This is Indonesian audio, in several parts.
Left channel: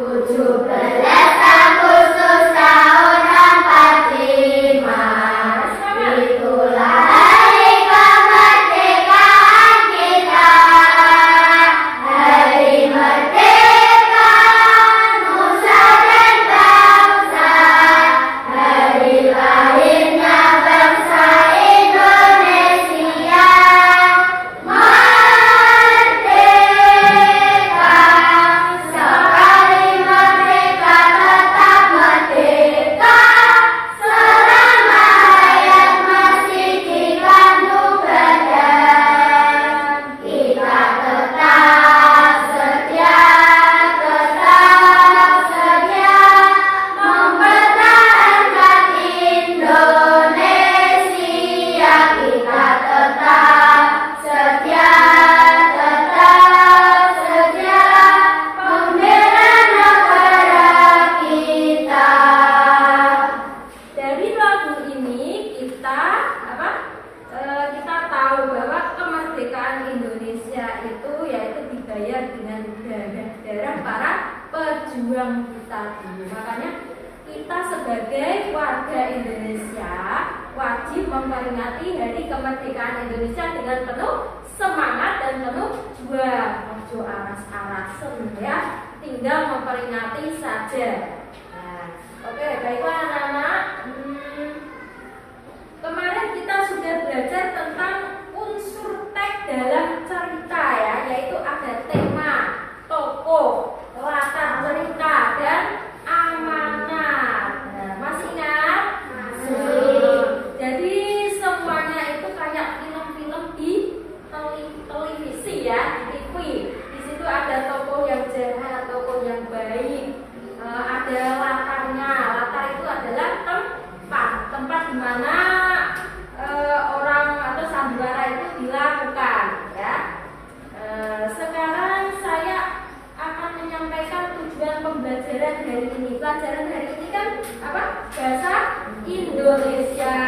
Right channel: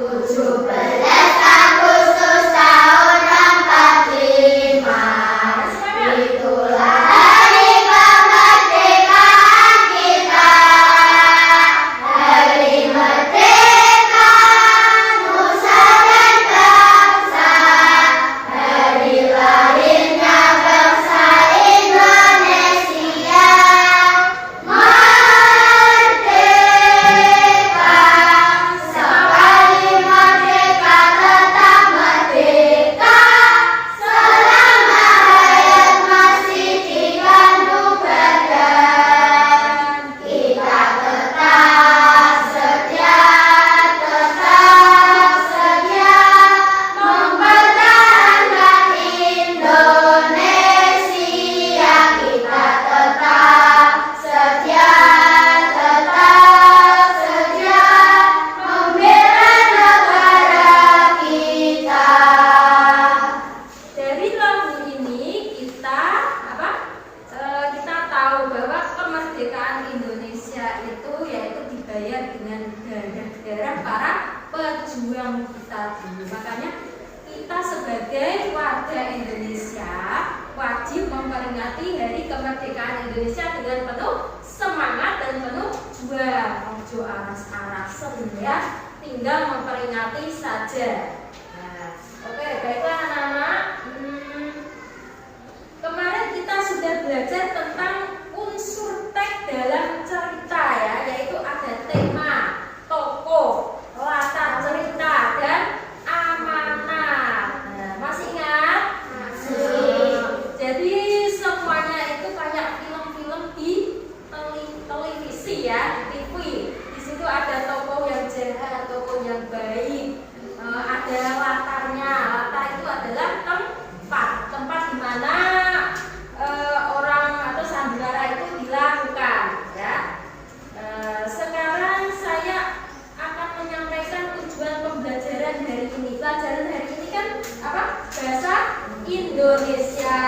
17 Agustus tahun 45, itulah hari kemerdekaan kita, hari merdeka nusa dan bangsa, hari lahirnya bangsa Indonesia. Dengan darah para pejuang kita dulu. Makanya kita sebagai warga Indonesia wajib memperingati Hari Kemerdekaan Indonesia dengan penuh semangat dan penuh juang. Ojo aras-aras ya, tinggal memperingati saja. Nah, oke, baiklah anak-anak. Kemarin kita sudah belajar tentang unsur teks dalam cerita ya, yaitu ada tema, tokoh, latar cerita, dan amanat. Nah, masih ingat? Masih. Jadi semuanya itu kayak film-film di televisi ya, di TV. Di situ ada tokoh yang jahat, tokoh yang baik, ada latarnya. Latar itu adalah tempat di mana orang atau sandiwara itu dilakukan ya. Sekarang saya akan menyampaikan tujuan pembelajaran hari ini. Pelajaran hari ini kan apa? Bahasa Indonesia,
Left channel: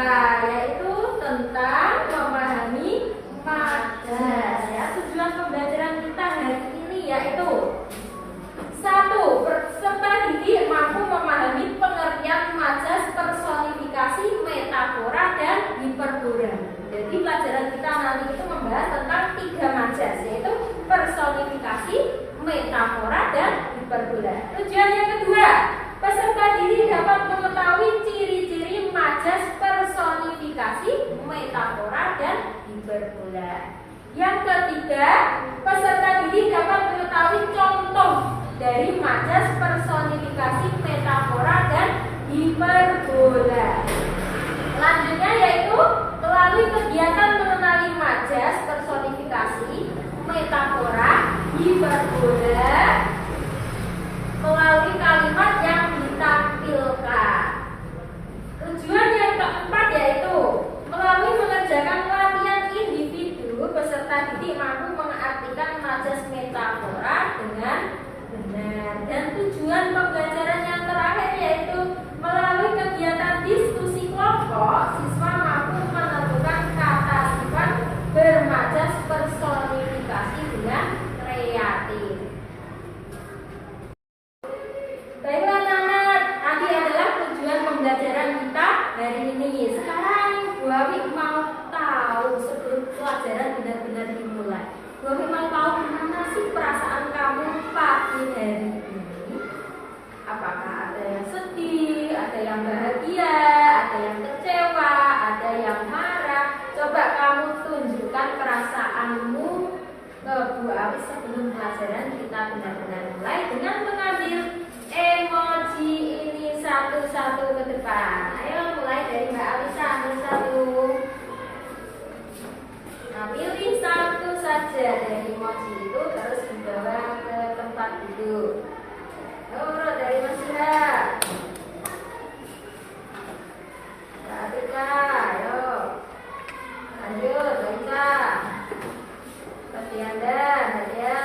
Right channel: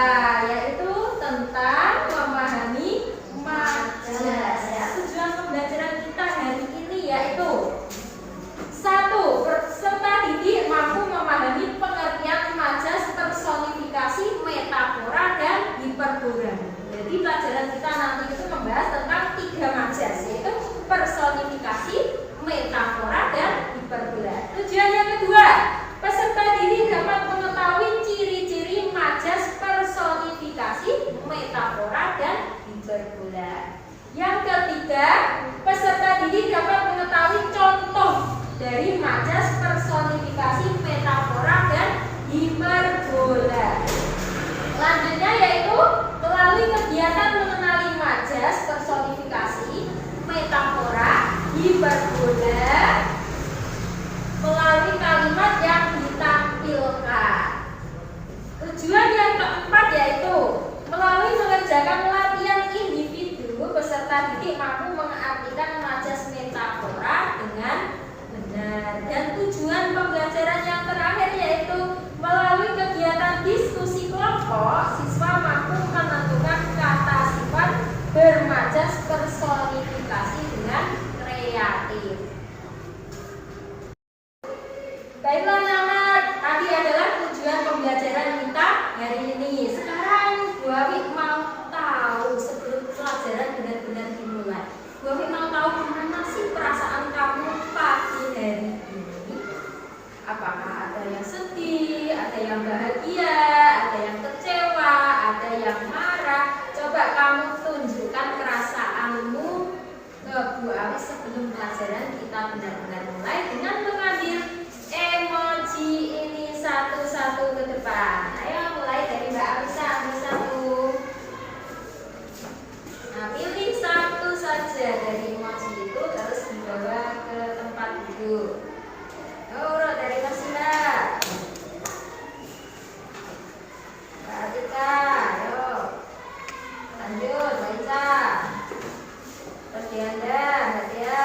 yaitu tentang memahami majas ya. Tujuan pembelajaran kita hari ini yaitu 1. Peserta didik mampu memahami pengertian majas, personifikasi, metafora, dan hiperbola. Jadi pelajaran kita nanti itu membahas tentang 3 majas, yaitu personifikasi, metafora, dan hiperbola. Tujuan yang kedua, peserta didik dapat mengetahui ciri-ciri majas, personifikasi, metafora, dan hiperbola. Yang ketiga, peserta didik dapat mengetahui contoh dari majas, personifikasi, metafora, dan hiperbola. Selanjutnya yaitu melalui kegiatan mengenali majas, personifikasi, metafora, hiperbola melalui kalimat yang ditampilkan. Tujuan yang keempat yaitu melalui mengerjakan latihan individu, peserta didik mampu mengartikan majas, metafora dengan benar. Dan tujuan pembelajaran yang terakhir yaitu melalui kegiatan diskusi kelompok, siswa mampu menentukan kata sifat bermajas, personifikasi dengan kreatif. Baiklah anak-anak, tadi adalah tujuan pembelajaran kita hari ini. Sekarang Bu Awi mau tahu sebelum pelajaran benar-benar dimulai. Bu Awi mau tahu gimana sih perasaan kamu pagi hari ini? Apakah ada yang sedih, ada yang bahagia, ada yang kecewa, ada yang marah? Coba kamu tunjukkan perasaanmu ke Bu Awi sebelum pelajaran kita benar-benar mulai dengan mengambil emoji ini satu-satu ke depan. Ayo mulai dari Mbak Alisa, ambil satu. Nah, pilih satu saja dari emoji itu, terus dibawa ke tempat duduk. Urut dari Mas Indra. Mbak Atika, ayo. Lanjut, Mbak Isa. Terus Dianda, Nadia.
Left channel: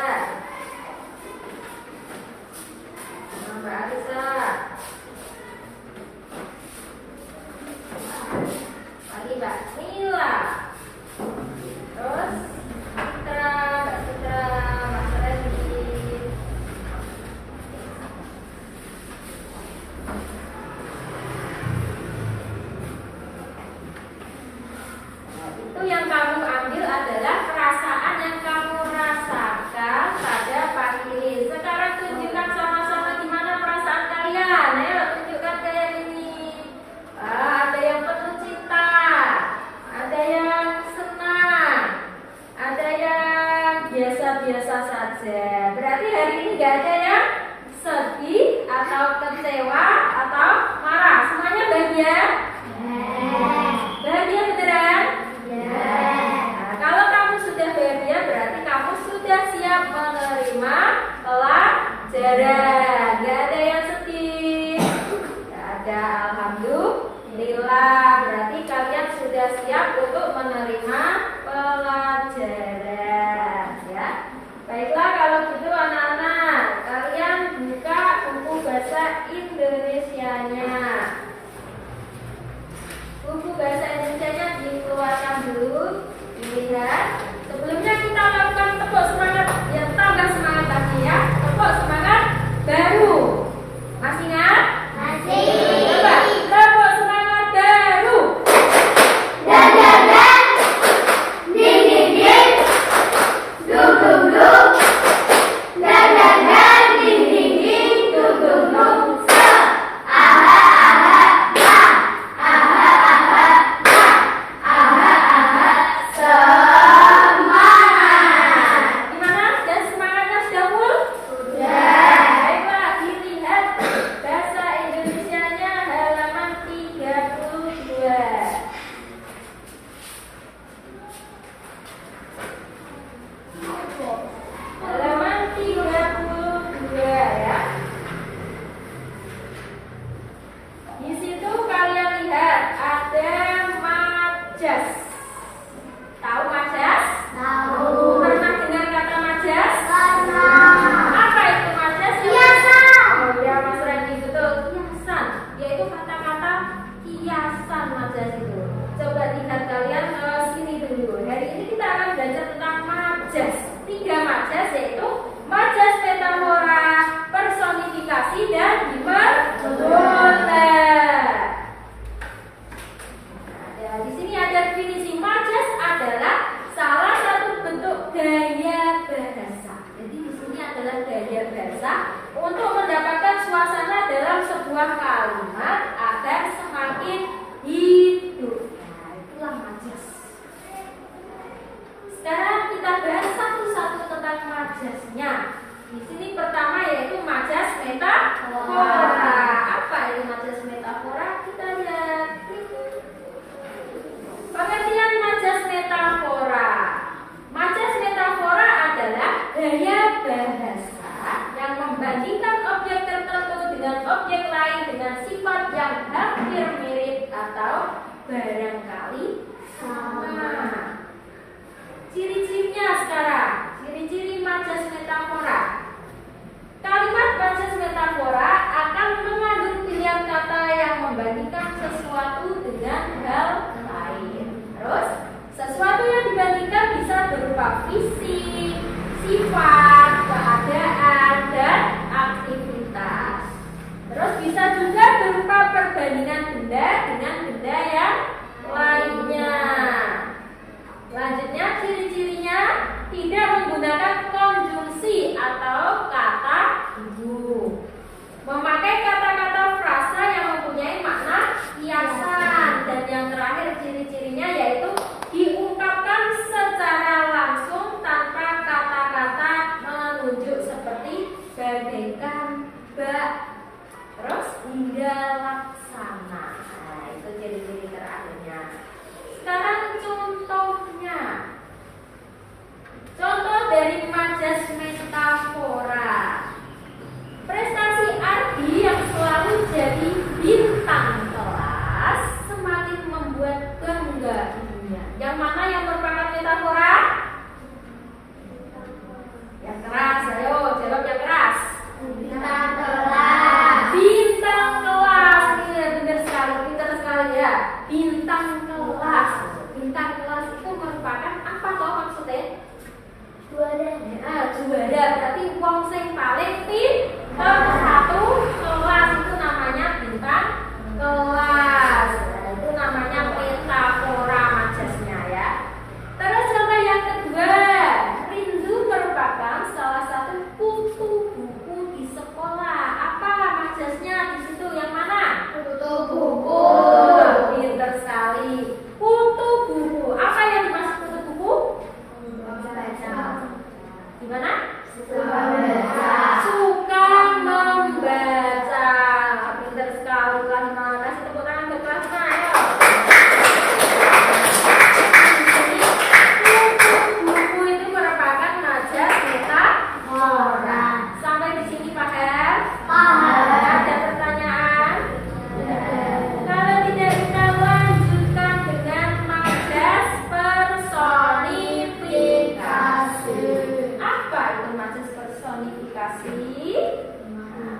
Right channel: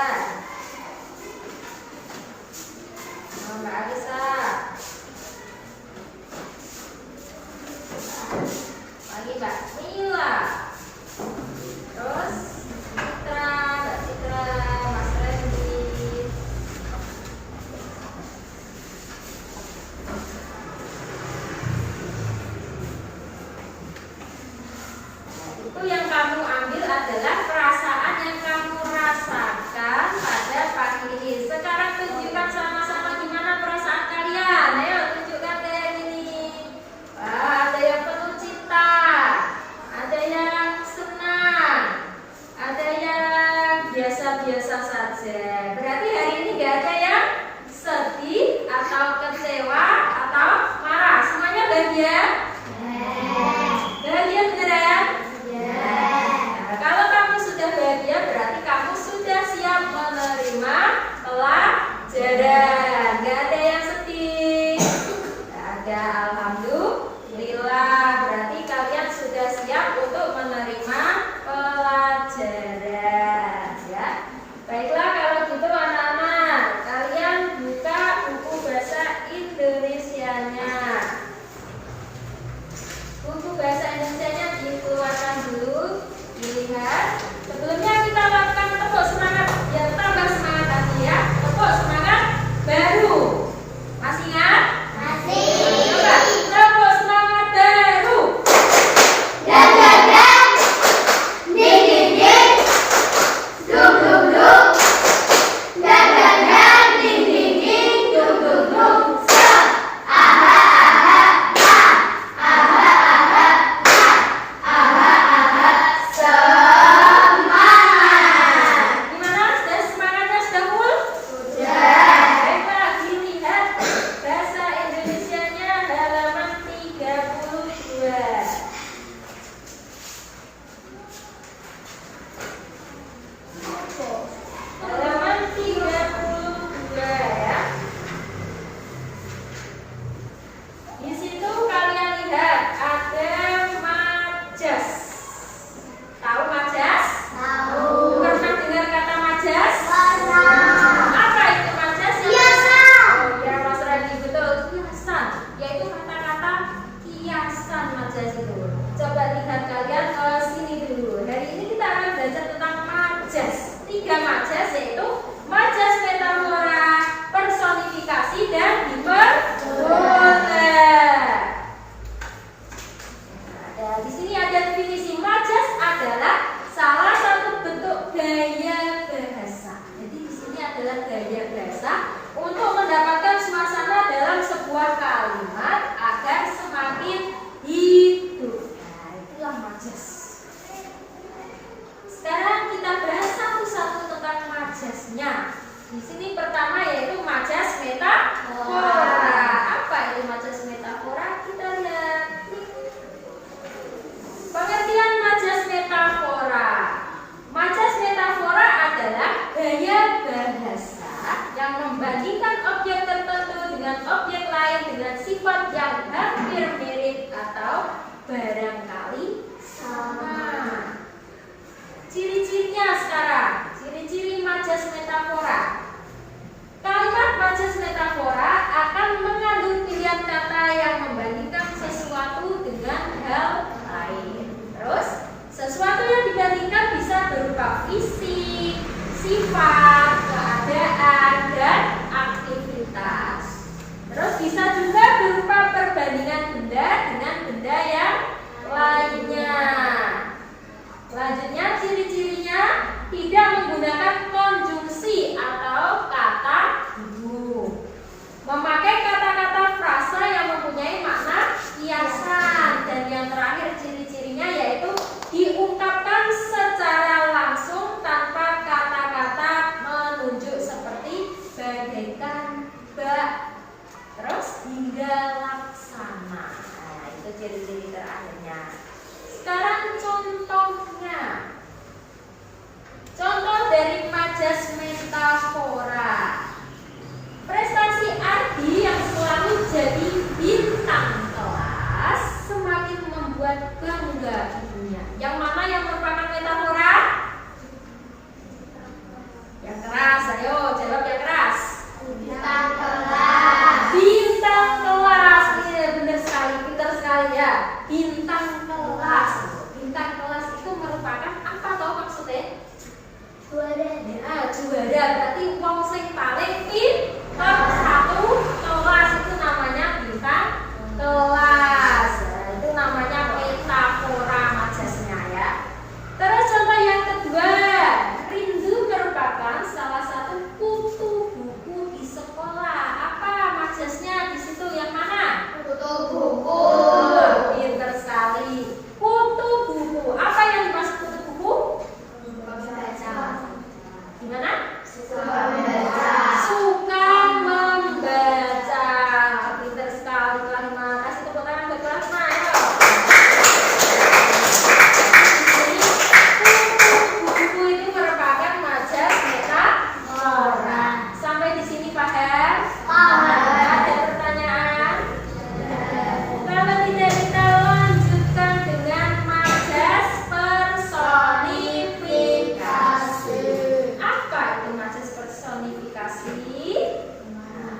barangkali sama. Ciri-cirinya sekarang, ciri-ciri majas metafora. Kalimat majas metafora akan mengandung pilihan kata yang membandingkan sesuatu dengan hal lain. Terus, sesuatu yang dibandingkan bisa berupa fisik, sifat, keadaan, dan aktivitas. Terus bisa juga berupa perbandingan benda dengan benda yang lainnya. Selanjutnya, ciri-cirinya tidak menggunakan konjungsi atau kata hubung. Memakai kata-kata frasa yang mempunyai makna kiasan. Dan yang terakhir ciri-cirinya yaitu diungkapkan secara langsung tanpa kata-kata menunjuk seperti bagaikan, bak, terus hingga laksana. Nah, itu ciri-ciri terakhirnya. Sekarang contohnya. Contoh dari majas metafora. Prestasi Ardi yang selalu jadi bintang kelas semakin membuat bangga ibunya. Yang mana yang merupakan metafora? Yang keras, ayo jawab yang keras. Bintang kelas. Bintang kelas, ini benar sekali, pintar sekali ya. Bintang kelas. Bintang kelas itu merupakan apa toh maksudnya? Juara. Juara berarti wong sing paling pintar satu kelas itu namanya bintang kelas. Nah, itu namanya metafora majasnya ya. Terus contoh yang kedua, rindu merupakan salah satu kutu buku di sekolah. Apa majasnya di situ yang mana? Kutu buku. Pintar sekali. Kutu buku. Apa yang dimaksud kutu buku? Gimana? Suka membaca. Suka membaca. Pintar sekali Rahma. Kasih tepuk tangan buat Rahma. Ayo. Jadi buku itu merupakan majas metafora. Sampai di sini paham? Paham. Ada pertanyaan? Kalau tidak kita lanjutkan dengan majas personifikasi. Apa itu majas personifikasi?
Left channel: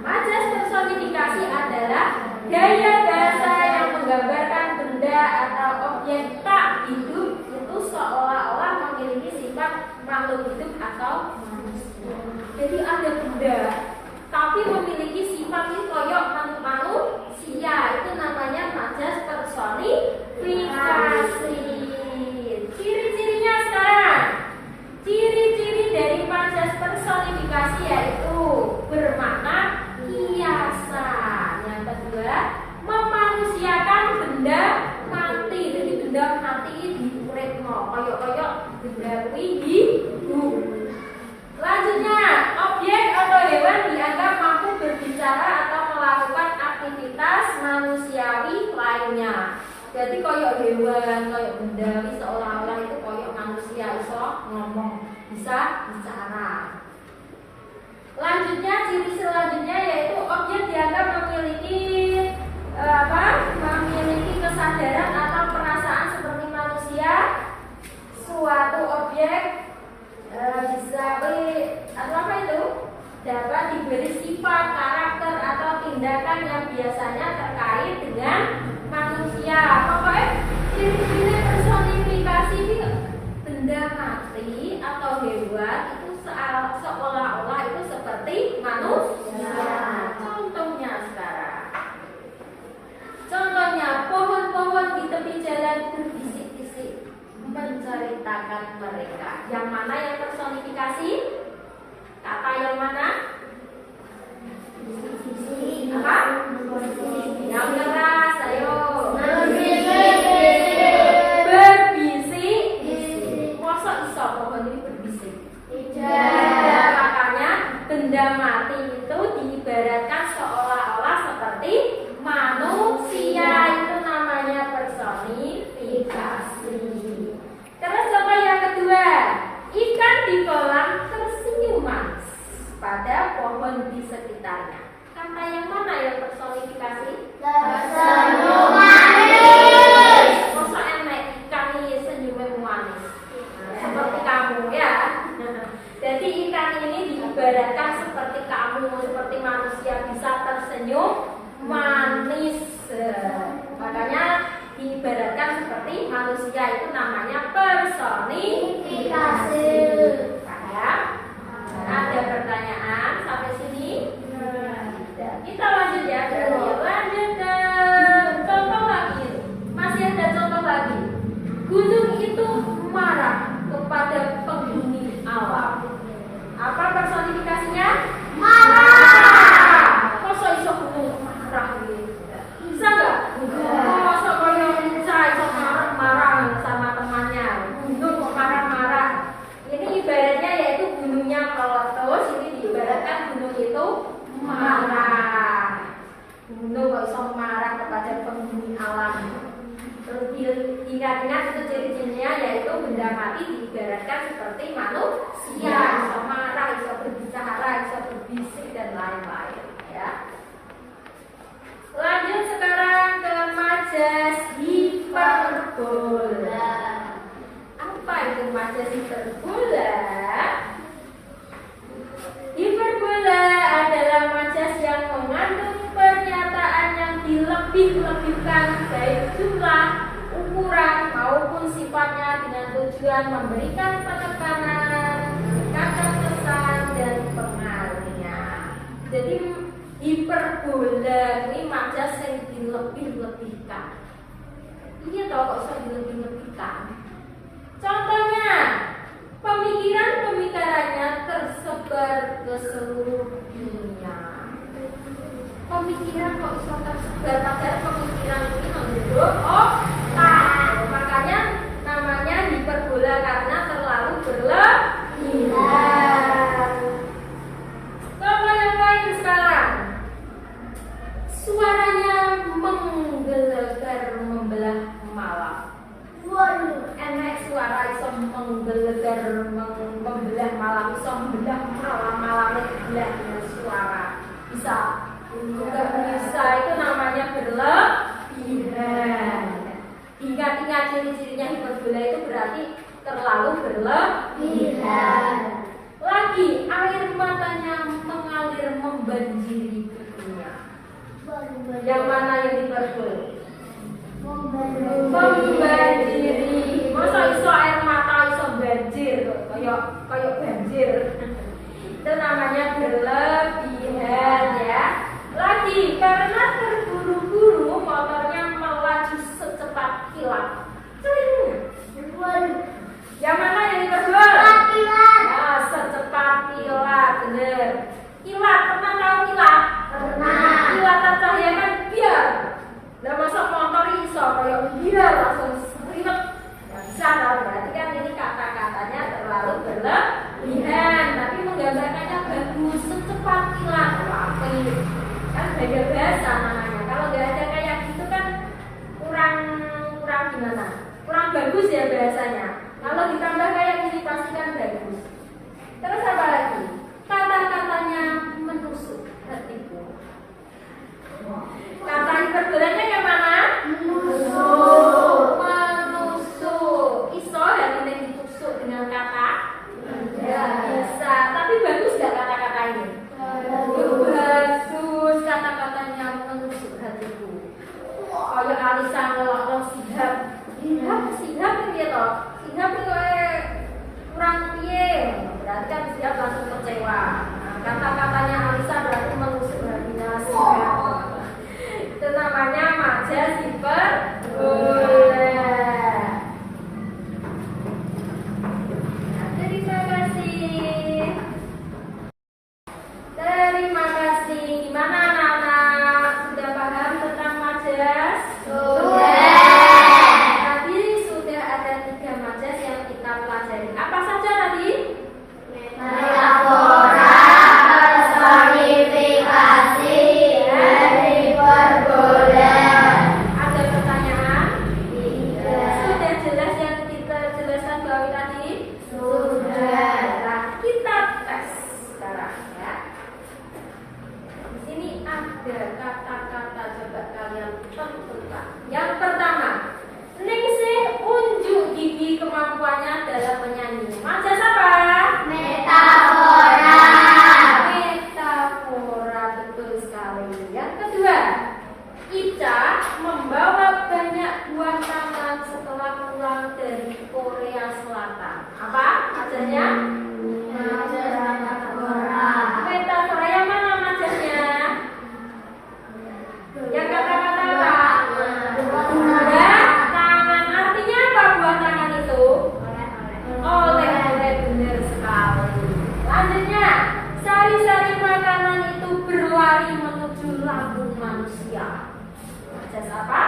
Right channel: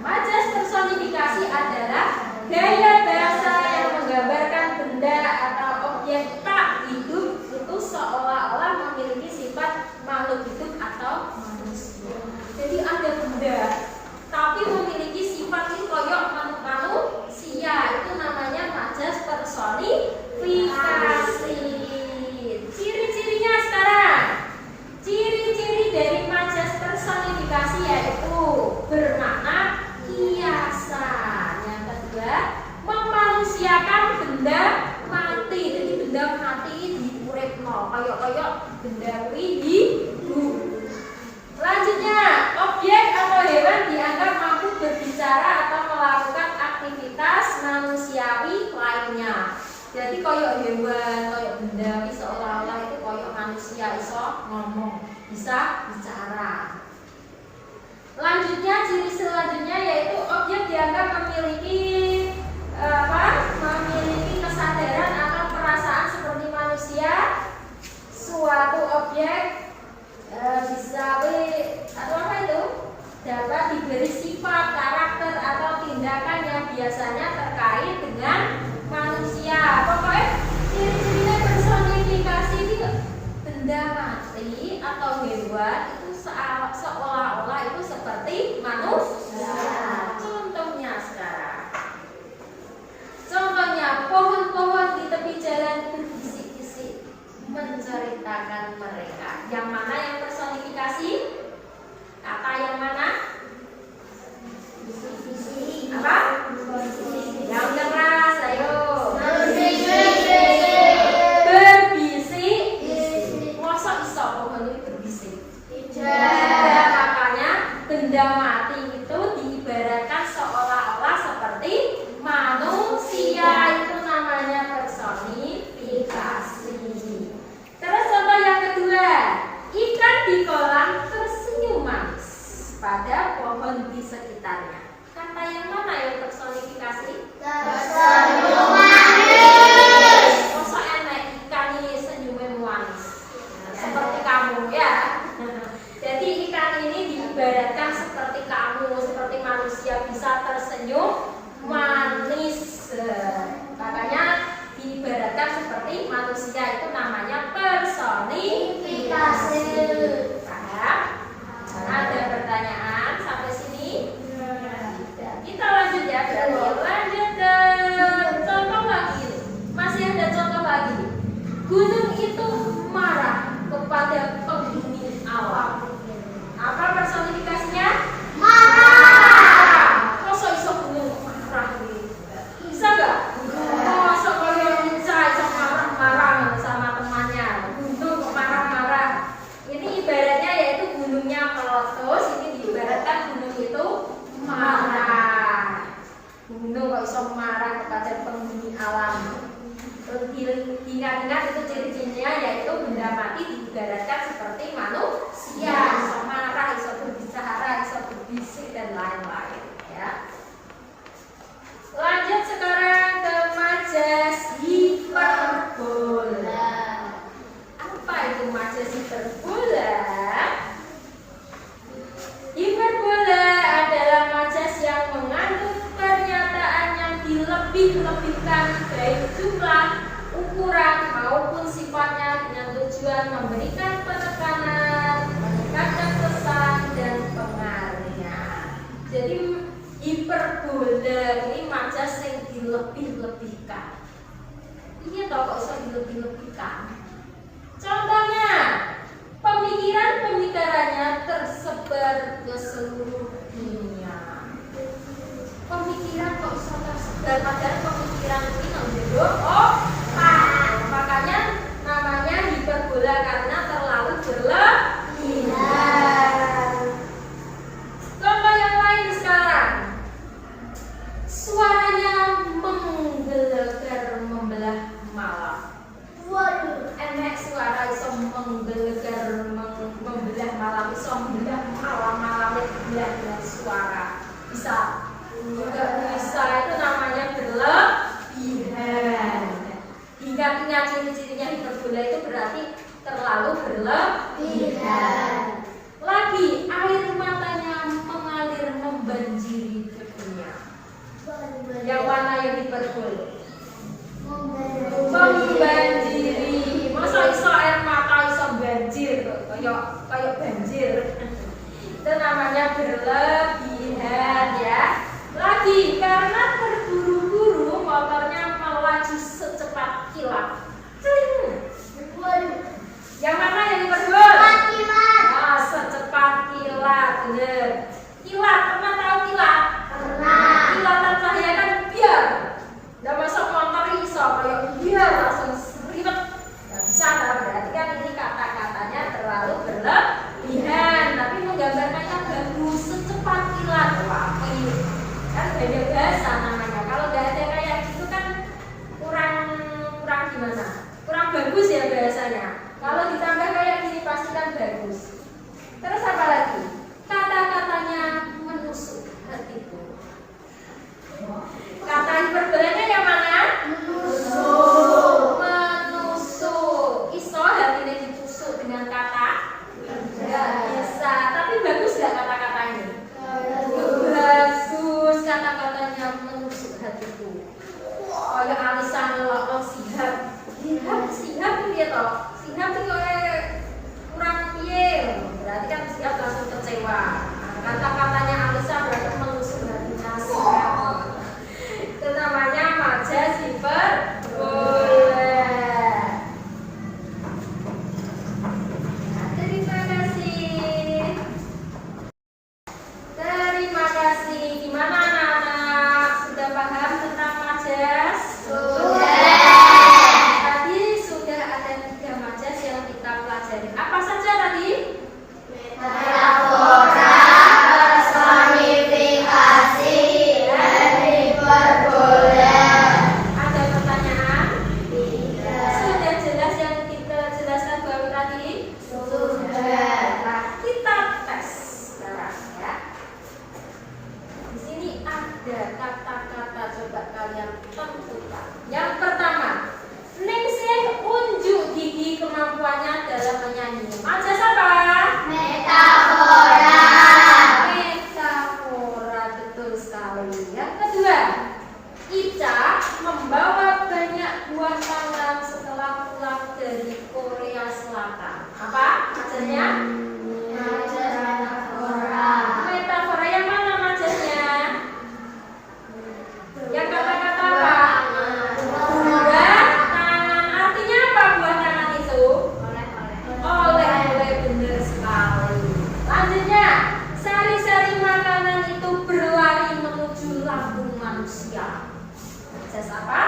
Majas personifikasi adalah gaya bahasa yang menggambarkan benda atau objek tak hidup itu seolah-olah memiliki sifat makhluk hidup atau manusia. Jadi ada benda tapi memiliki sifat ini koyok manusia, itu namanya majas personifikasi. Ciri-cirinya sekarang. Ciri-ciri dari majas personifikasi yaitu bermakna kiasan. Yang kedua, memanusiakan benda mati. Jadi benda mati diuripno, koyok-koyok benda kuwi hidup. Selanjutnya, objek atau hewan dianggap mampu berbicara atau melakukan aktivitas manusiawi lainnya. Jadi koyok hewan, koyok benda, seolah-olah itu koyok manusia, iso ngomong, bisa bicara. Selanjutnya, ciri selanjutnya yaitu objek dianggap memiliki memiliki kesadaran atau perasaan seperti manusia. Suatu objek bisa atau apa itu dapat diberi sifat, karakter atau tindakan yang biasanya terkait dengan manusia. Pokoknya ciri-ciri personifikasi ini benda mati atau hewan itu seolah-olah itu seperti manusia. Contohnya sekarang. Contohnya pohon-pohon di tepi jalan berbisik-bisik menceritakan mereka. Yang mana yang personifikasi? Kata yang mana? Apa? Yang keras, ayo. Berbisik. Mosok iso pohon ini berbisik? Tidak. Makanya benda mati itu diibaratkan seolah-olah seperti manusia. Itu namanya personifikasi. Terus contoh yang kedua, ikan di kolam tersenyum manis pada pohon di sekitarnya. Kata yang mana yang personifikasi? Tersenyum manis. Mosok marah. Gunung kok iso marah kepada penghuni alam. Ingat-ingat itu ciri-cirinya yaitu benda mati diibaratkan seperti manusia, iso marah, iso berbicara, iso berbisik dan lain-lain. Ya. Lanjut sekarang ke majas hiperbola. Apa itu majas hiperbola? Hiperbola adalah majas yang mengandung pernyataan yang dilebih-lebihkan baik jumlah, ukuran maupun sifatnya dengan tujuan memberikan penekanan, menekankan pesan dan pengaruhnya. Jadi hiperbola ini majas yang dilebih-lebihkan. Iya toh kok bisa dilebih-lebihkan. Contohnya, pemikiran-pemikirannya tersebar ke seluruh dunia. Pemikiran kok bisa tersebar, padahal pemikiran itu menjadi makanya namanya hiperbola karena terlalu berlebihan. Contoh yang lain sekarang, suaranya menggelegar membelah malam. Enek suara iso menggelegar membelah malam, iso membelah malam dengan suara. Bisa. Enggak bisa, itu namanya berlebihan. Ingat-ingat ciri-cirinya hiperbola itu berarti terlalu berlebihan. Lagi, air matanya mengalir membanjiri dunia. Yang mana yang hiperbola? Membanjiri. Masa iso air mata iso banjir, kayak banjir. Itu namanya berlebihan ya. Lagi, karena terburu-buru motornya melaju secepat kilat. Yang mana yang hiperbola? Ah, secepat kilat, bener. Kilat, pernah tahu kilat? Pernah. Kilatan cahaya kan biar. Udah masuk motor iso kayak biar langsung seribet. Gak bisa kan? Berarti kan ini kata-katanya terlalu berlebihan, tapi menggambarkannya bagus, secepat kilat. Wah, ini kan beda bahasa namanya. Kalau nggak ada kayak gitu kan kurang gimana? Kurang bagus ya bahasanya. Kalau ditambah kayak gini pasti kan bagus. Terus apa lagi? Kata-katanya menusuk hatiku. Kata hiperbolanya yang mana? Menusuk. Iso yang ini ditusuk dengan kata? Tidak bisa. Tapi bagus nggak kata-kata ini? Bagus, kata-katanya menusuk hatiku. Oh ya Alisa ngelok sihab ini ya toh. Sihab itu kurang piye. Berarti kan sihab langsung kecewa. Kata-katanya Alisa berarti menusuk hatinya sihab. Itu namanya majas hiperbola. Terima kasih. Gimana anak-anak? Sudah paham tentang majas? Tadi sudah ada 3 majas yang kita pelajari. Apa saja tadi? Metafora, personifikasi, dan hiperbola. Ada pertanyaan? Tidak. Sudah jelas yang kita jelaskan bahwa tadi? Sudah. Nah, kita tes sekarang ya. Di sini ada kata-kata, coba kalian tentukan. Yang pertama, Ningsih unjuk gigi kemampuannya dalam menyanyi. Majas apa? Metafora. Metafora, betul sekali. Yang kedua, Ica membawa banyak buah tangan setelah pulang dari Korea Selatan. Apa majasnya? Majas metafora. Metafora yang mana majasnya? Yang kata-kata apa? Buah tangan. Artinya apa buah tangan itu? Oleh-oleh, benar sekali. Lanjutnya, sari-sari makanan itu berlari menuju lambung manusia. Majas apa?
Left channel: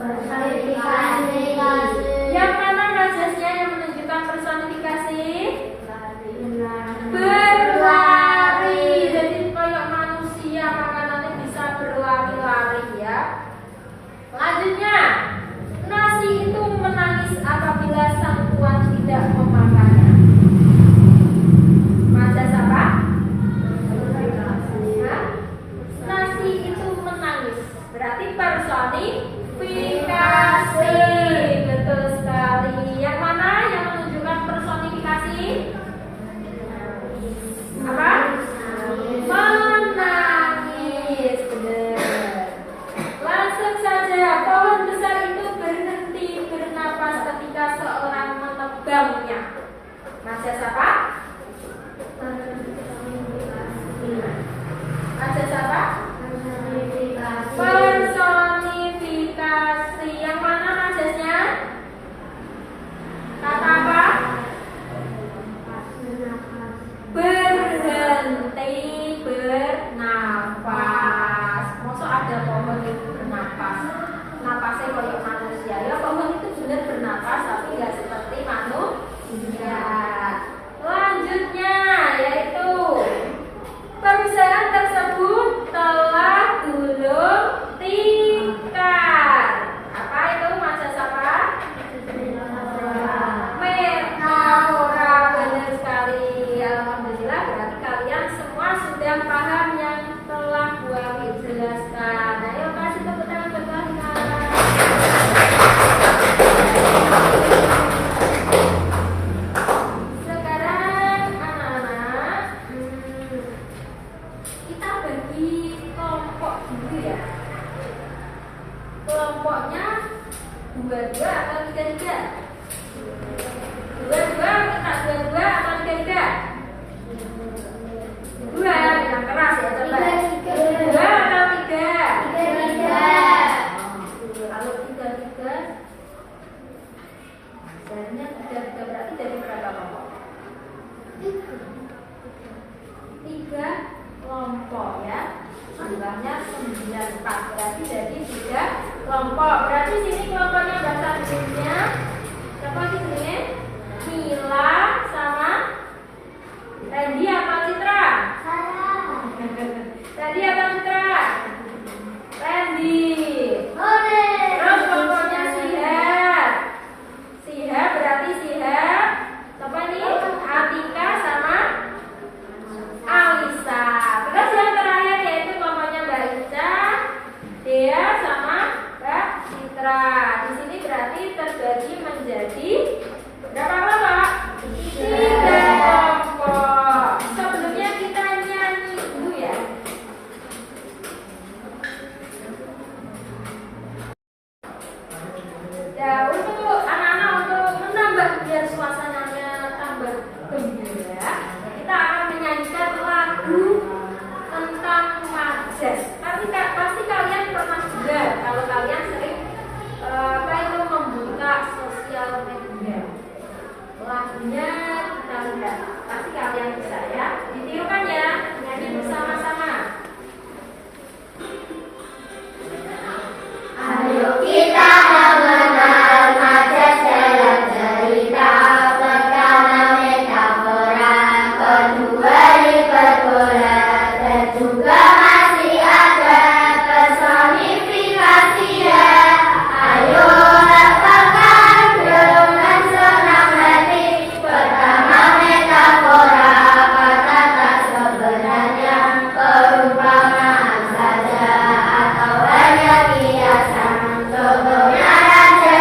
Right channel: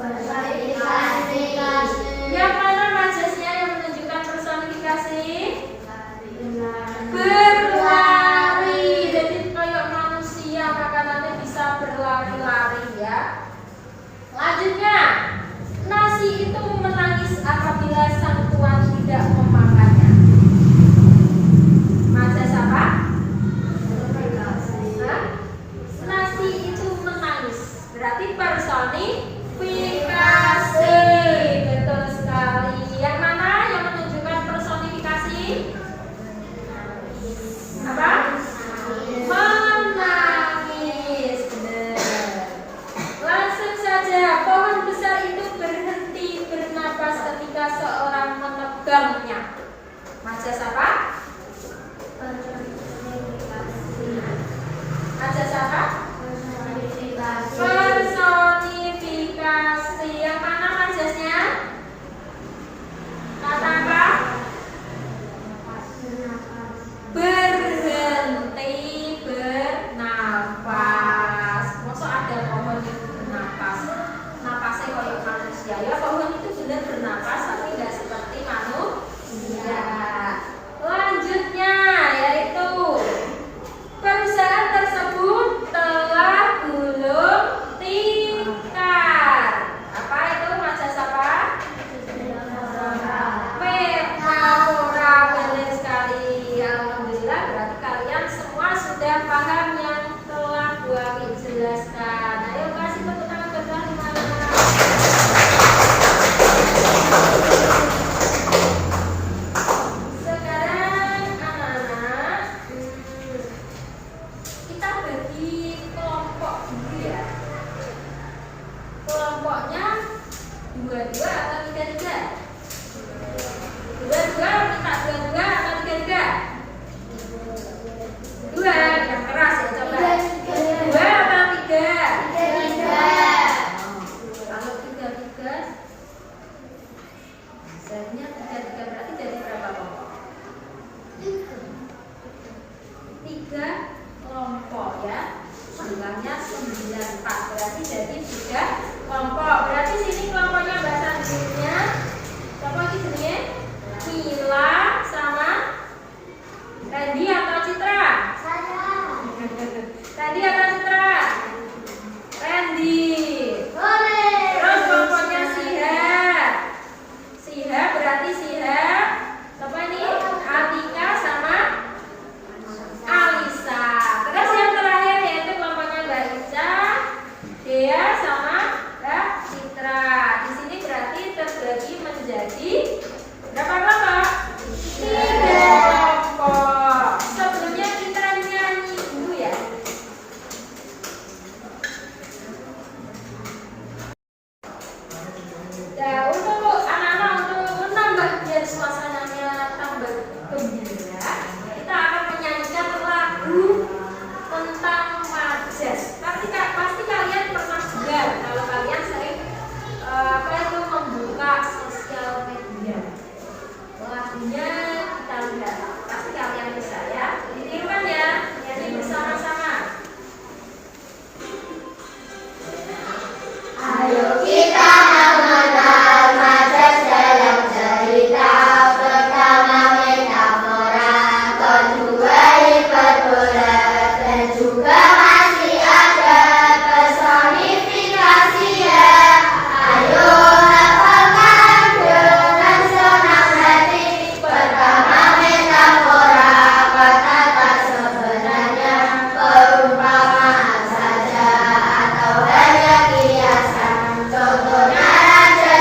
Personifikasi. Yang mana majasnya yang menunjukkan personifikasi? Berlari. Jadi kayak manusia berarti personifikasi. Betul sekali. Yang mana yang menunjukkan personifikasi? Apa? Menangis. Benar. Langsung saja, pohon besar itu berhenti bernapas ketika seorang menebangnya. Majas apa? Majas apa? Personifikasi. Yang mana majasnya? Kata apa? Berhenti bernafas. Masa ada pohon yang bernafas? Napasnya kalau manusia. Ya pohon itu benar bernafas, tapi nggak seperti manusia. Selanjutnya yaitu perusahaan tersebut telah gulung tikar. Apa itu majas apa? Metafora. Benar sekali. Alhamdulillah, berarti kalian semua sudah paham yang telah Bu Ami jelaskan. Ayo kasih tepuk tangan buat Kalimat. Sekarang anak-anak, kita bagi kelompok dulu ya. Kelompoknya 2-2 atau 3-3? 2-2, kita 2-2 atau 3-3? 2, yang keras ya coba. 2 atau 3? Kalau 3-3, hasilnya 3-3 berarti jadi berapa kelompok? 3 kelompok ya. Jumlahnya 94, berarti jadi 3 kelompok. Berarti sini kelompoknya bahasa Inggrisnya siapa di sini? Mila sama Randy atau Citra? Randy atau Citra? Randy. Terus kelompoknya Sihab. Sihab berarti Sihab. Siapa ini? Atika sama Alisa. Terus yang terakhir yaitu kelompoknya Mbak Ica, Dea sama Mbak Citra. Di sini berarti terbagi menjadi berapa kelompok? 3 kelompok. Sebelumnya kita nyanyi dulu ya. Ya, untuk anak-anak untuk menambah biar suasananya tambah gembira, kita akan menyanyikan lagu tentang majas. Pasti kalian pernah dengar kalau kalian sering membuka sosial media. Lagunya kita lihat, pasti kalian bisa ya. Ditirukan ya, nyanyi bersama-sama. Ayo kita mengenal majas dalam cerita. Pertama metafora, kedua hiperbola, dan juga masih ada personifikasi ya. Ayo hafalkan dengan senang hati. Pertama metafora, kata-kata sebenarnya, perumpamaan saja atau hanya kiasan. Contohnya raja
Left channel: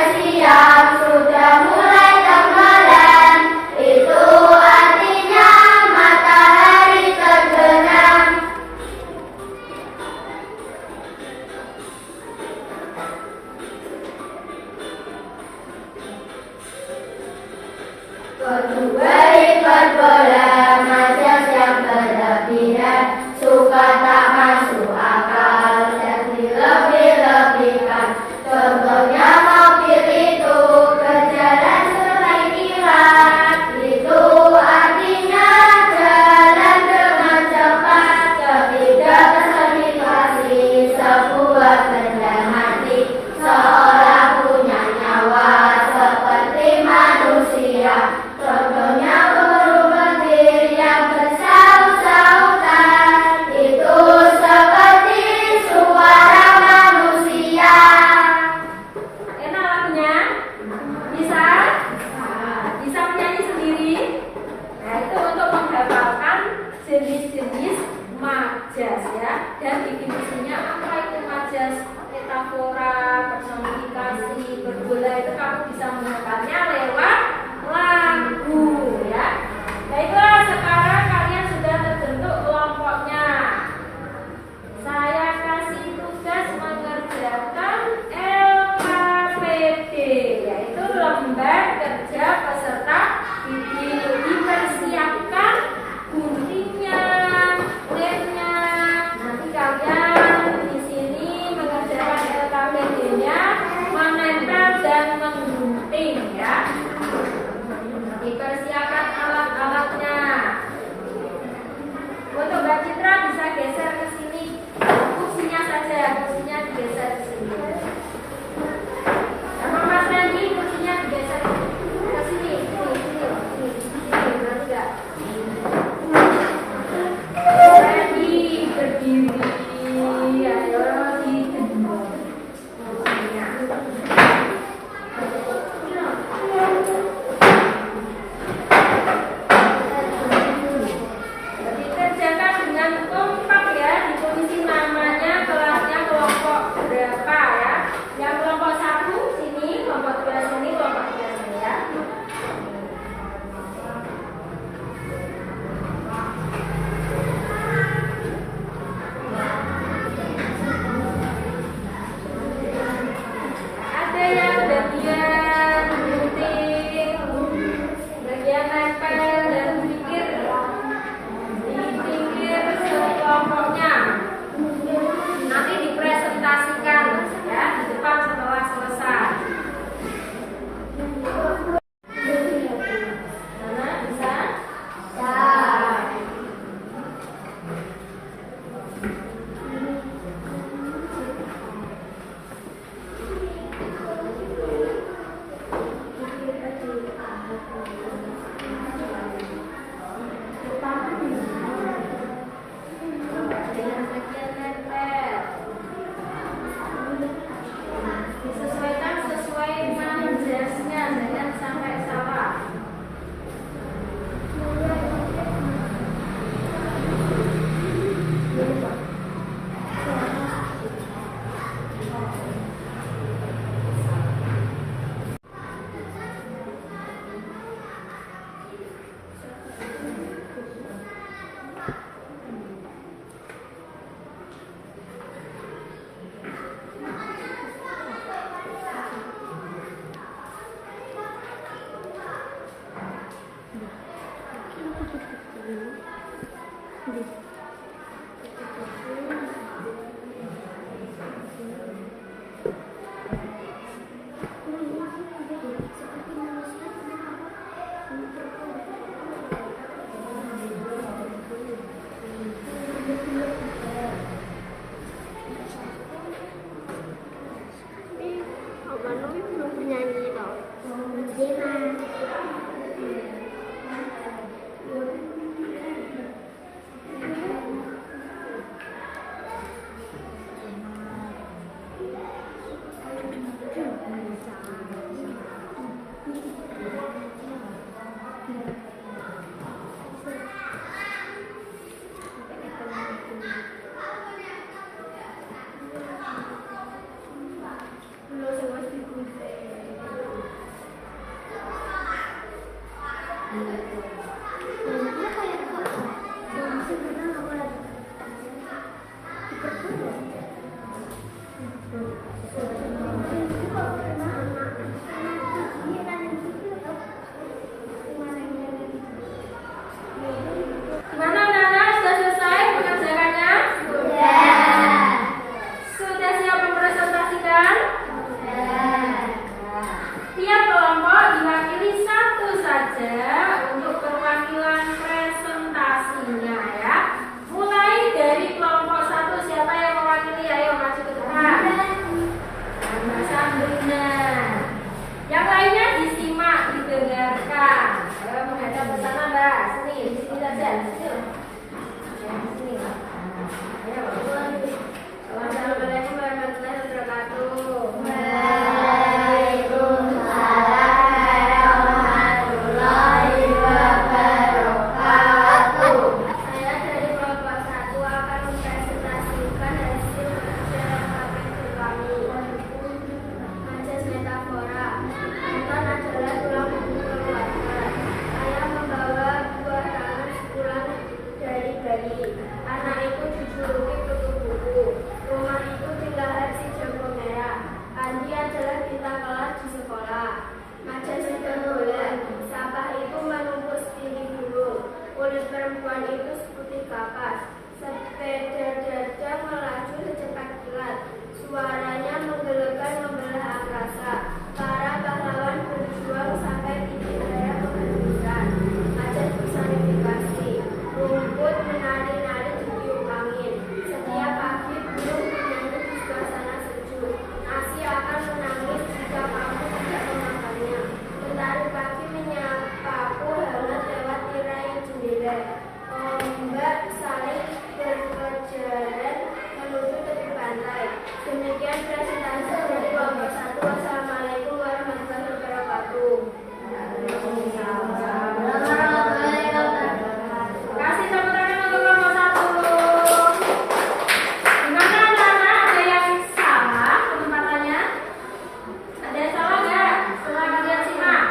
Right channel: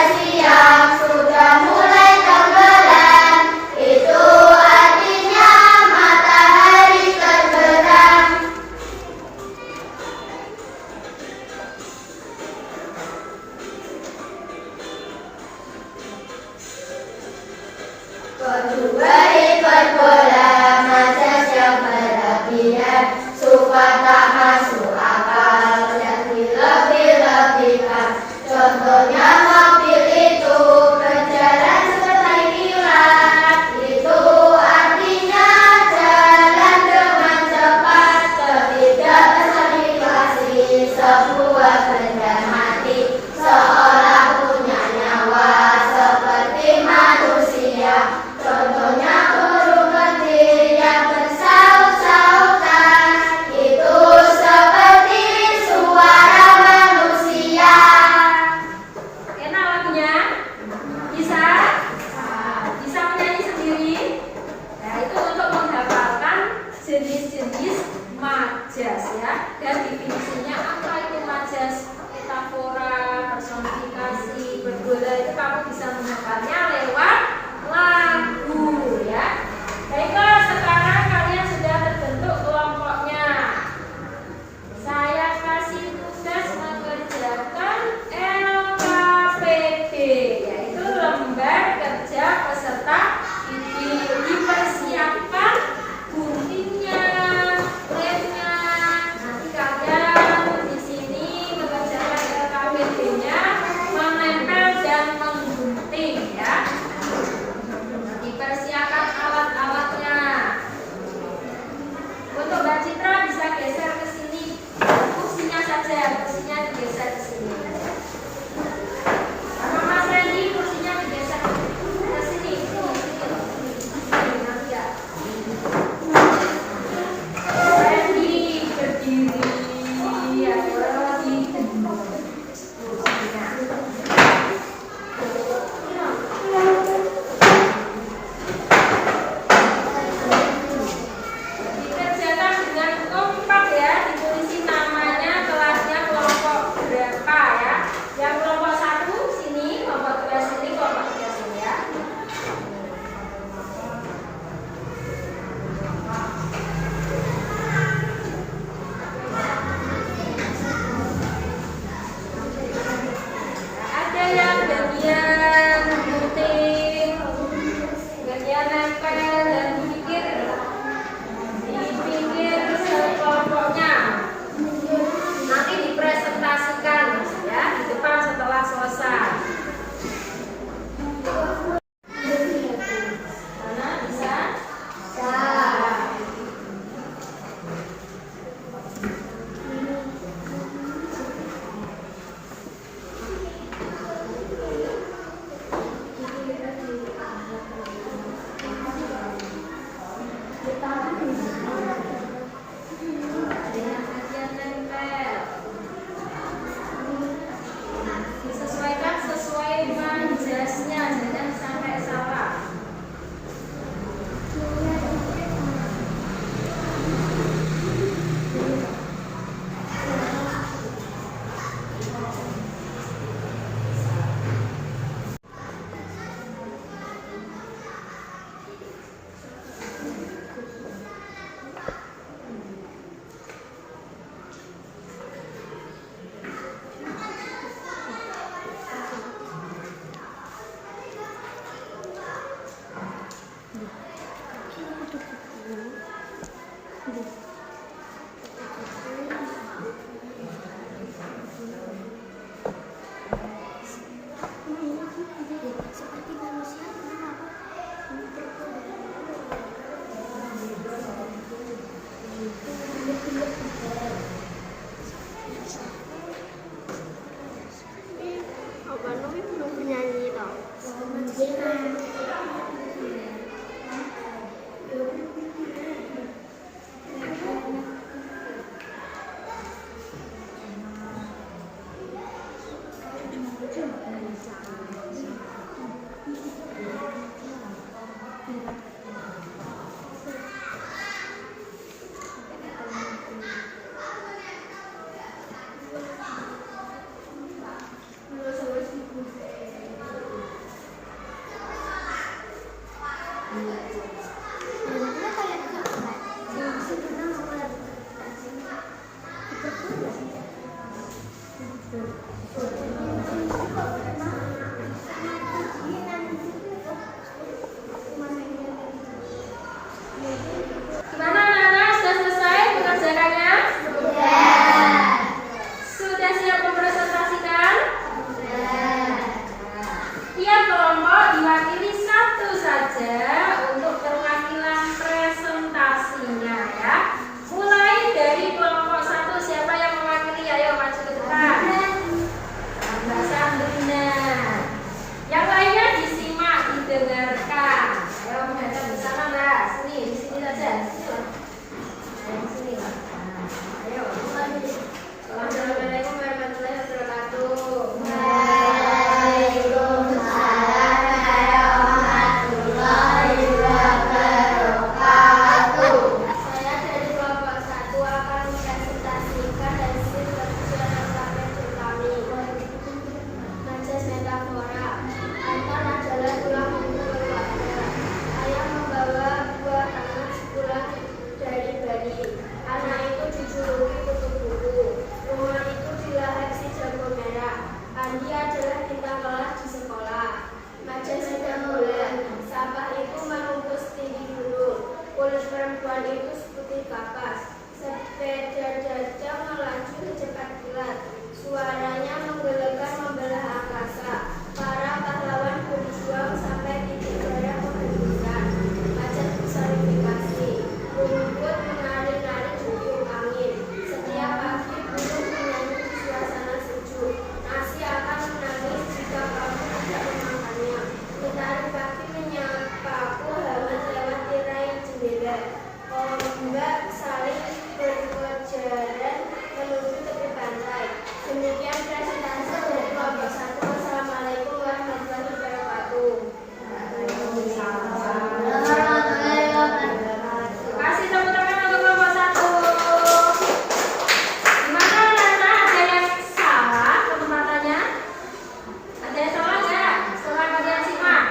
kursinya digeser ke sini. Sama Mas Randy, kursinya digeser ke sini, berarti ya. Mas Randy berdiri, ayo di kursinya. Dikerjakan dengan kompak ya, ditulisin namanya, kelasnya, kelompok berapa ya. Yang kelompok 1 sini, kelompok 2 sini, kelompok 3 sini ya. Ada yang bagian gunting, bagian nempel dan di pinggir sekelompoknya. Nanti dipresentasikan ya di depan setelah selesai. Mana bisa? Dengan bagian nempel. Disesuaikan sesuai dengan jasnya, jangan sampai salah. Opa Novi belum bernyanyi toh. Gimana anak-anak, sudah selesai mengerjakannya? Sudah siap mempresentasikan? Tiap kelompok diwakili satu saja untuk perwakilan presentasinya ya. Mulai dari kelompok 1, siapa yang mewakili? Ayo maju ke depan. Mbak Demikian presentasi dari kelompok 1. Wassalamualaikum warahmatullahi wabarakatuh. Kasih tepuk tangan untuk kelompok 1. Gimana anak-anak? Ada yang salah penempatannya? Ada yang salah nggak? Setelah bagian simak?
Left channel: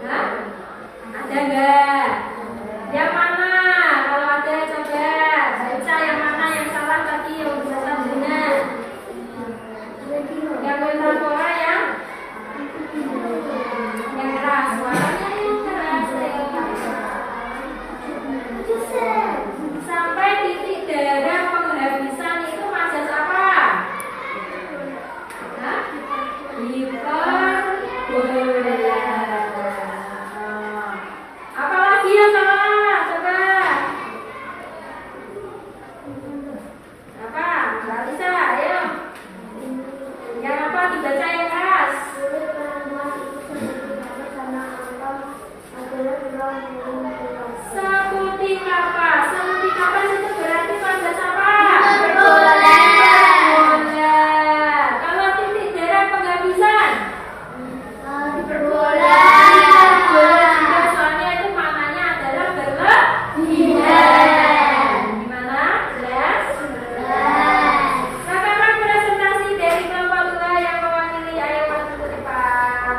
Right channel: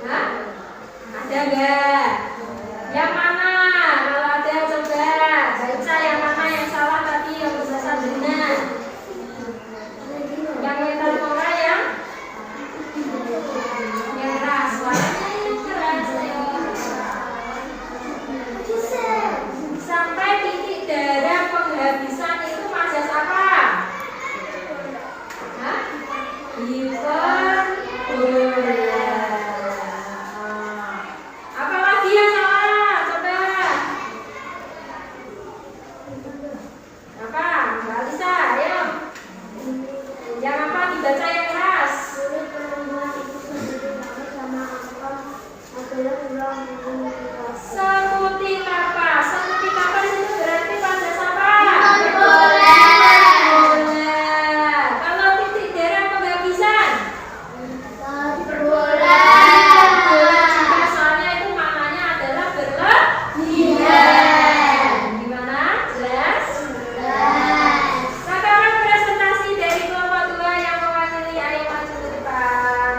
Hah? Ada nggak? Yang mana? Kalau ada coba baca yang mana yang salah tadi yang bisa Sabrina. Yang metafora ya? Yang keras, suaranya yang keras ya. Sampai titik darah penghabisan itu majas apa? Hah? Hiperbola. Apalagi yang salah? Coba. Apa? Mbak Lisa, ayo. Yang apa dibaca yang keras? Seperti apa? Seperti apa itu berarti majas apa? Bola. Kalau titik darah penghabisan? Bola juga soalnya itu maknanya adalah berlebihan. Gimana? Jelas? Rekaman presentasi dari kelompok 2 yang mewakili, ayo maju ke depan.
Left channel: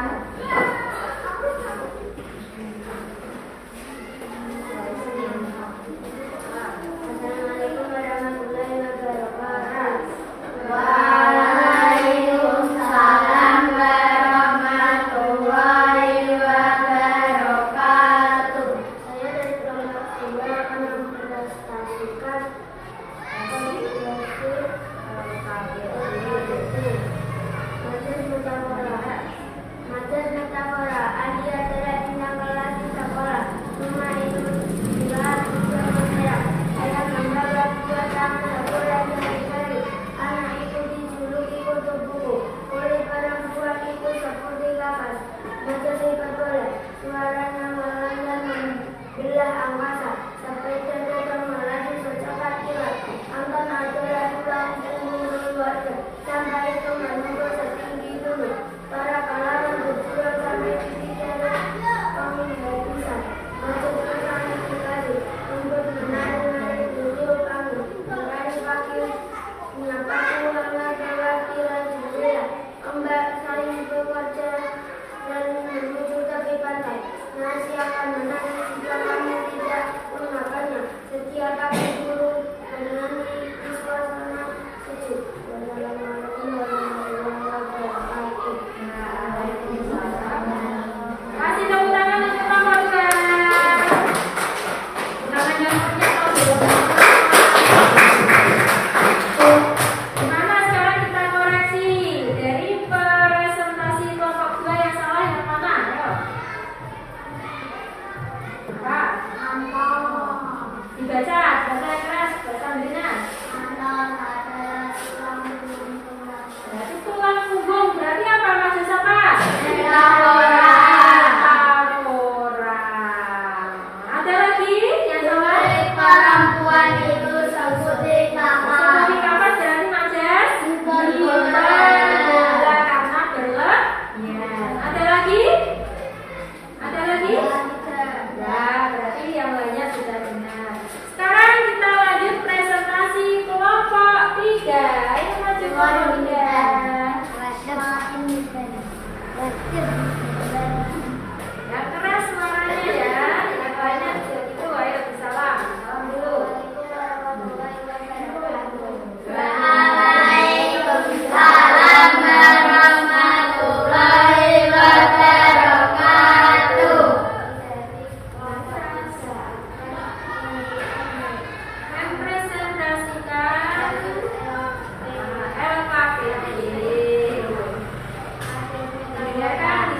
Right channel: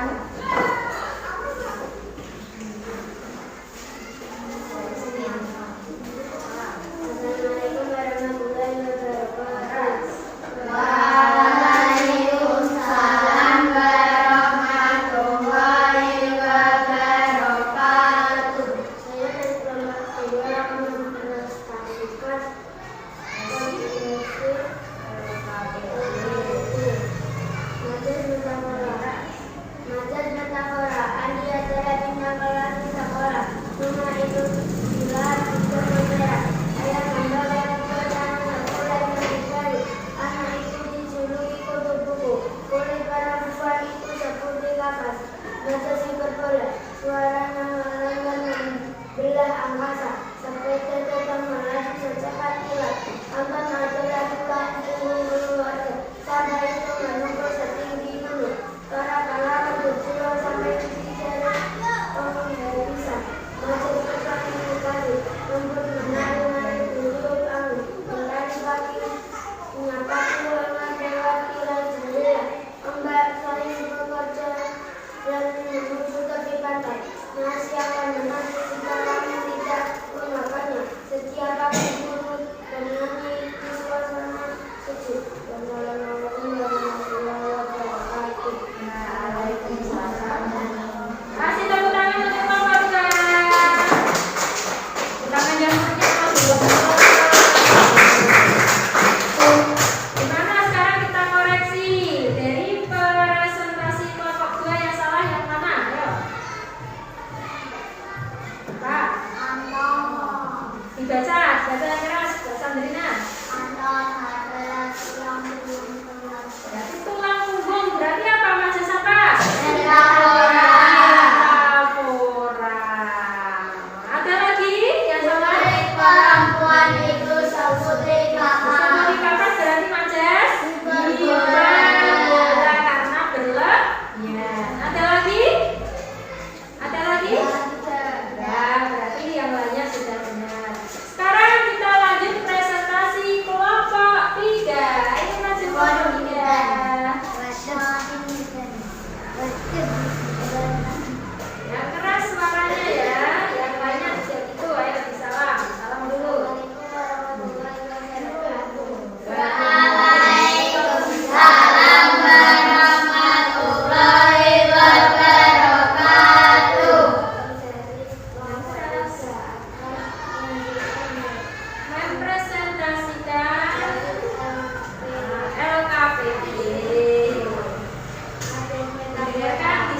Assalamualaikum warahmatullahi wabarakatuh. Waalaikumsalam warahmatullahi wabarakatuh. Saya dari kelompok 2 akan mempresentasikan majas metafora. Di antara bintang kelas metafora, rumah itu digelar untuk menera. Ayah membawa dua tangan sekolah dari bayi. Anak itu dijuluki kutu buku. Oleh perempuan itu seperti kapas. Majas hiperbola. Suaranya melanggar membelah angkasa. Sampai tertekan melaju secepat kilat. Anton adalah tulang punggung keluarga. Sampai itu menunggu setinggi gunung. Para kalangan berjuang sampai titik darah penghabisan. Majas berkali sekali untuk menari-nari beliau bangun. Dengan kaki warna perwakilan jendela. Ombak saling bekerja dan menuju tepi pantai. Nasi akan menangis jika kami tidak menggunakannya. Setiap pagi guru menyanyi di suasana sejuk. Wassalamualaikum warahmatullahi wabarakatuh. Kasih tepuk tangan untuk kelompok 2. Tangan yang punya mau Gimana sekarang kita koreksi dari presentasi kelompok 2 yang salah yang mana? Ayo. Kak, dibaca yang keras, bahasa Sandrina. Berarti tulang punggung, berarti apa majas apa? Metafora. Ada lagi yang salah? Perempuan itu seperti Seperti kapas berarti majas? Hiperbola. Karena berlebihan. Ada lagi? Ada lagi? Ya, berarti yang lainnya sudah benar. Sekarang kita lanjut presentasi kelompok 3. Ayo maju kelompok 3. Yang keras suaranya ya. Yang lainnya juga gitu. Ayo disalam. Salam dulu. Waalaikumsalam warahmatullahi wabarakatuh. Mempresentasikan LKPD. Dengarkan di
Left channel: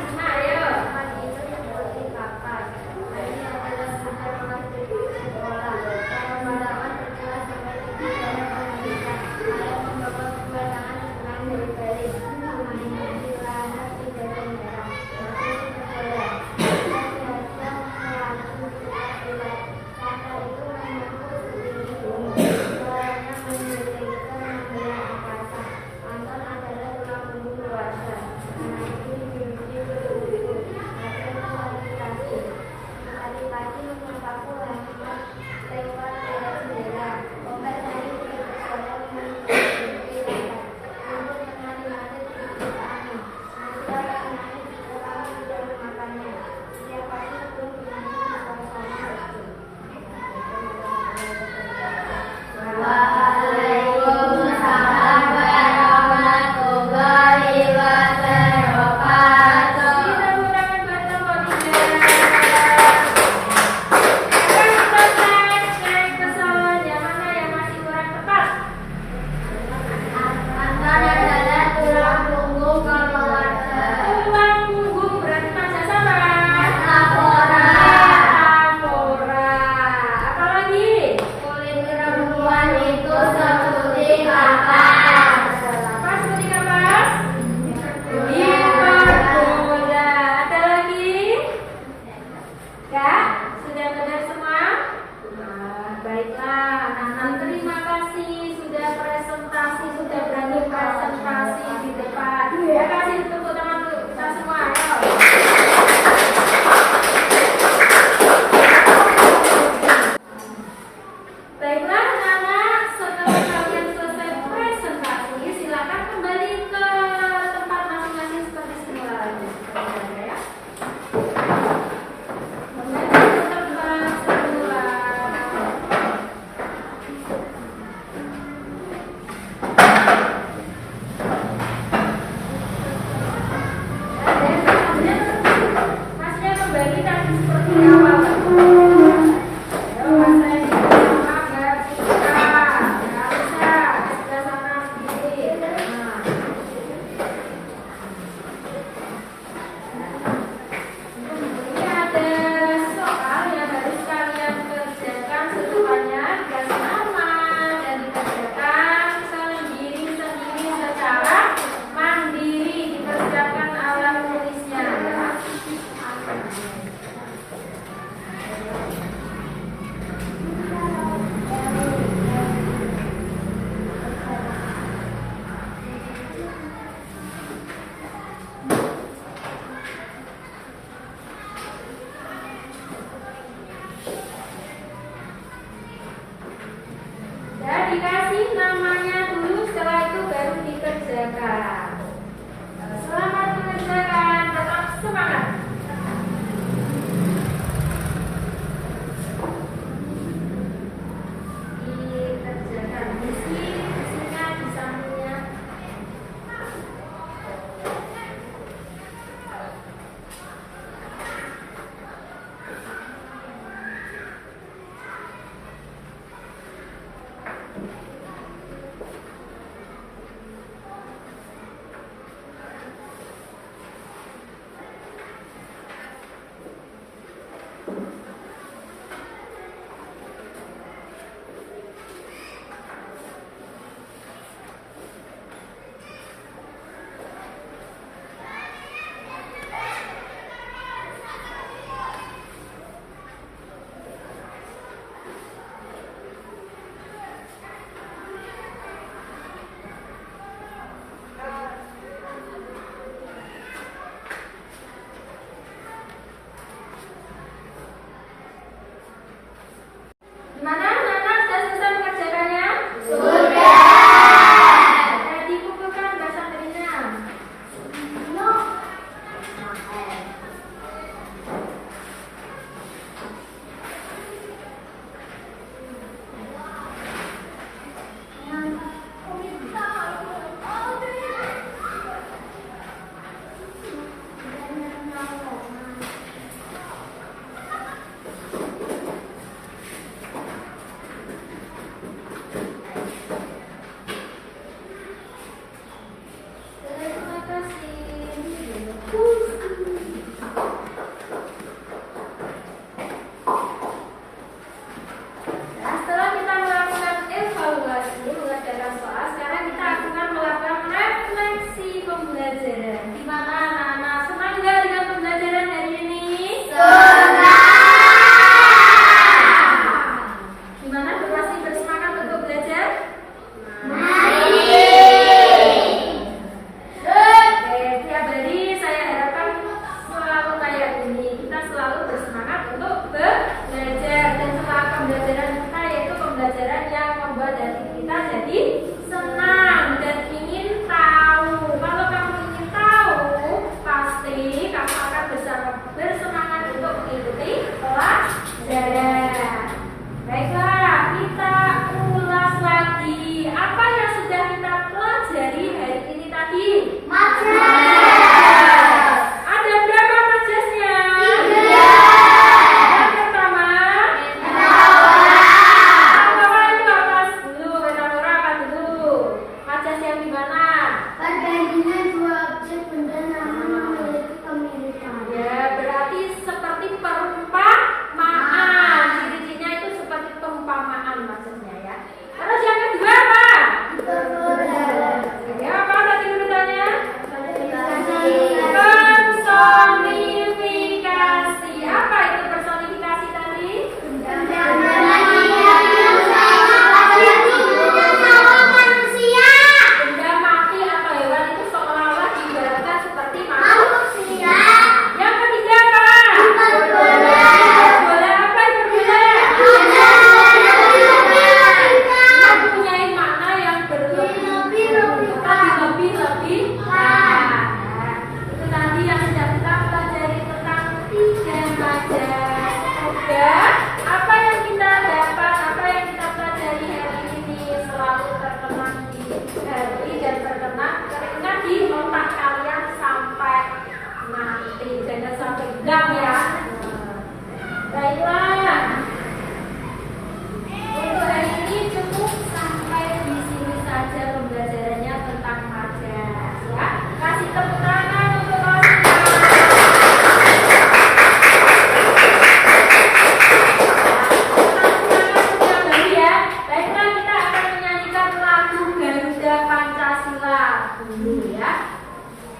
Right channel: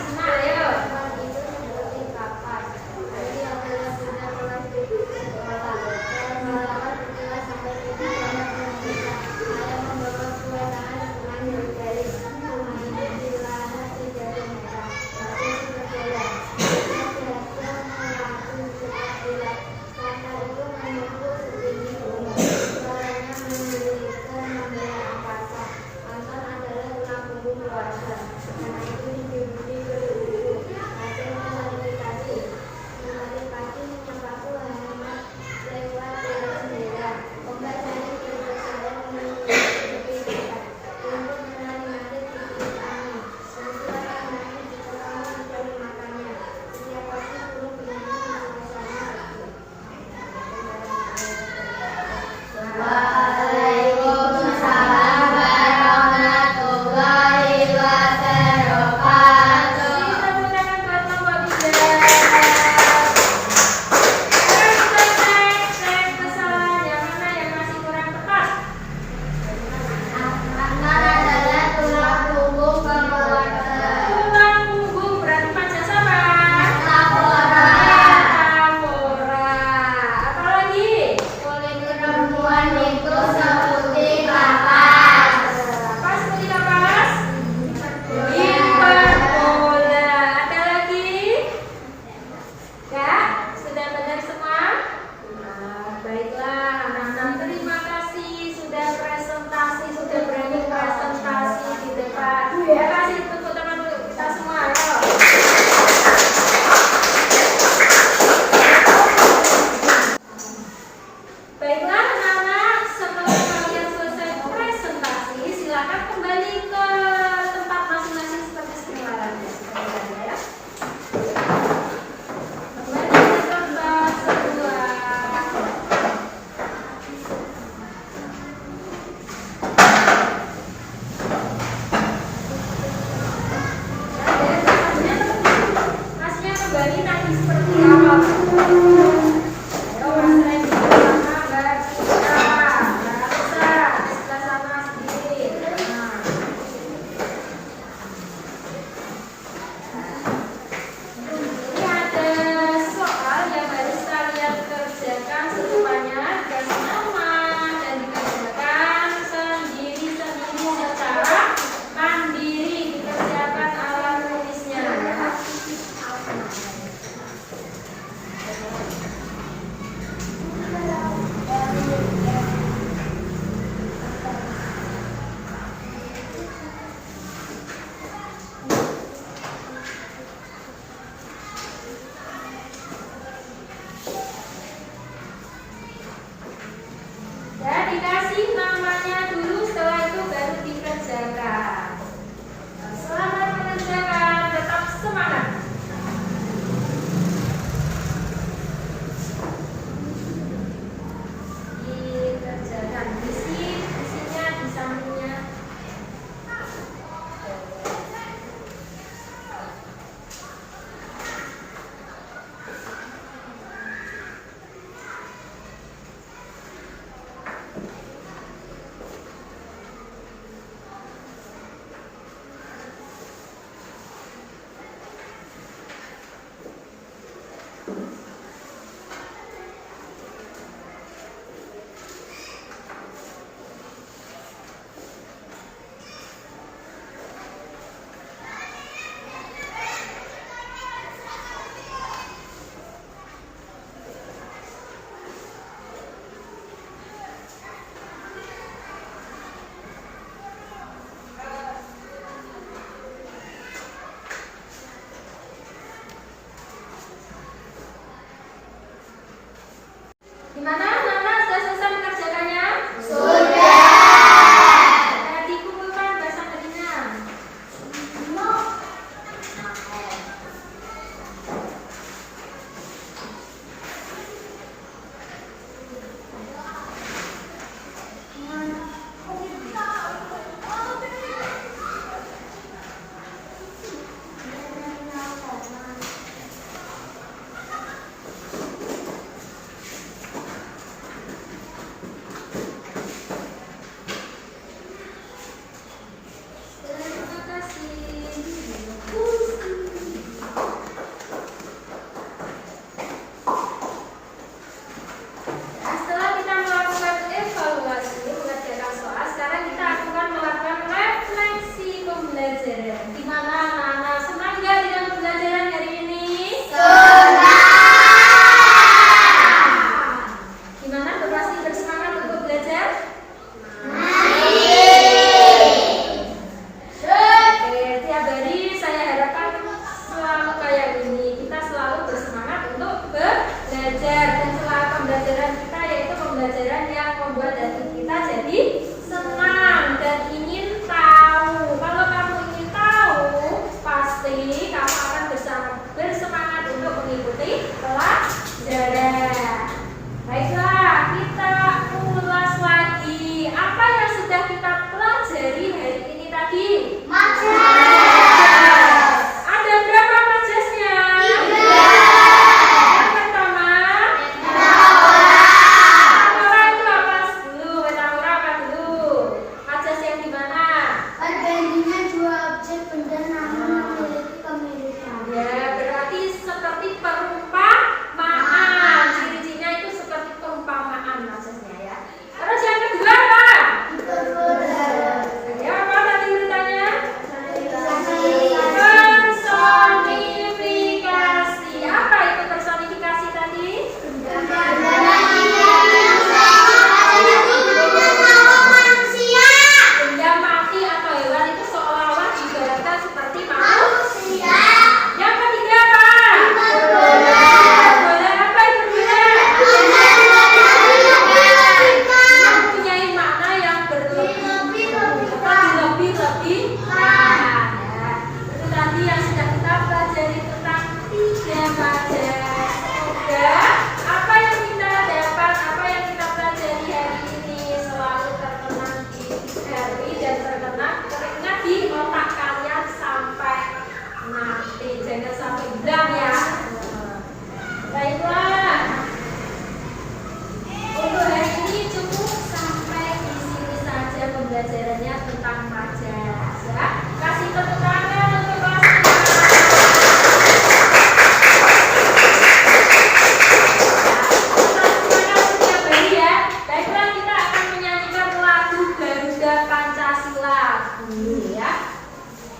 kasih lagu ya.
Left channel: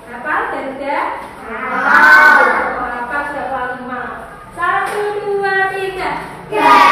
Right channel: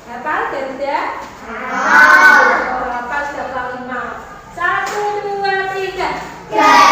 Hafal Garuda? Hafal. Oh, hafal sudah kalimat. 1, 2, 3.